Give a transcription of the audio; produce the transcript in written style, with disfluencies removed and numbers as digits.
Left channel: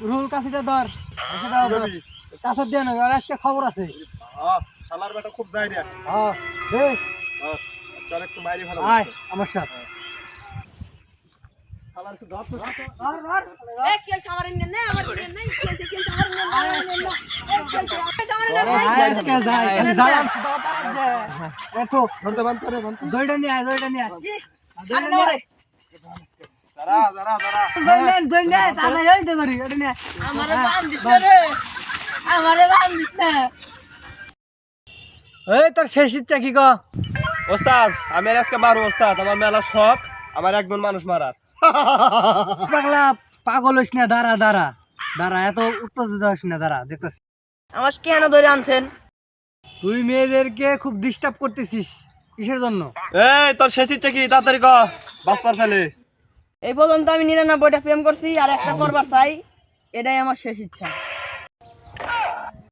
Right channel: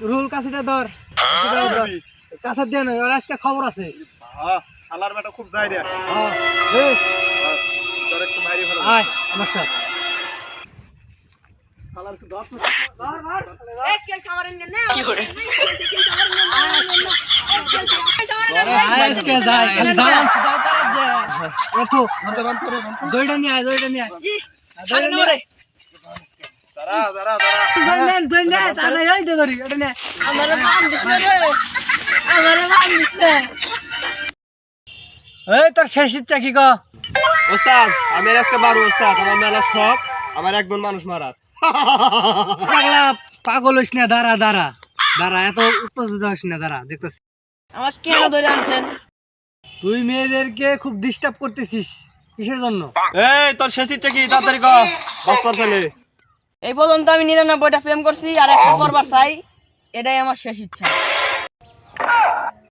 rule কাছিটা ধর কাছা দিয়ে নয় ওর আজকে খবর আছে শালার বেটা খুব যায় রে তোর একটু বাইরে ভালো আয় আমার সাথে শালার একটু ধর তো এই কি সামারেন না কি করে কি সামারেন না আজকে যাই খালি জালাম সুদা পারাত দে এতো ধরতে বান করে বান দইটা নিয়ে আয় সারে না রে দাঁড়া দইটা তাহলে এই দে ধরি এটা নে আমারে বাম দিছে রে আমারে বাম দিছে এই তোর শেষ ইচ্ছা কি কো ওস্তাদ আমি আজকে মারু ওস্তাদ আমার মেলা শখ আমার একজন মানুষ মারার পাগলা পাগল হইস না দাঁড়া দাঁড়া দাঁড়া এত উত্তেজিত হইস না দাঁড়া দেখতেছি আমার কেন ধরে আনছেন তুই মেয়েদেরকে খুব ডিস্টার্ব করতেছিস কিসের জন্য এই তোর শেষ ইচ্ছা কি তাড়াতাড়ি কর বাস পারছালে এই পর্যন্ত আমি 99টা প্রেম করছি আর একটা করবার চাই এটাই আমার শেষ ইচ্ছা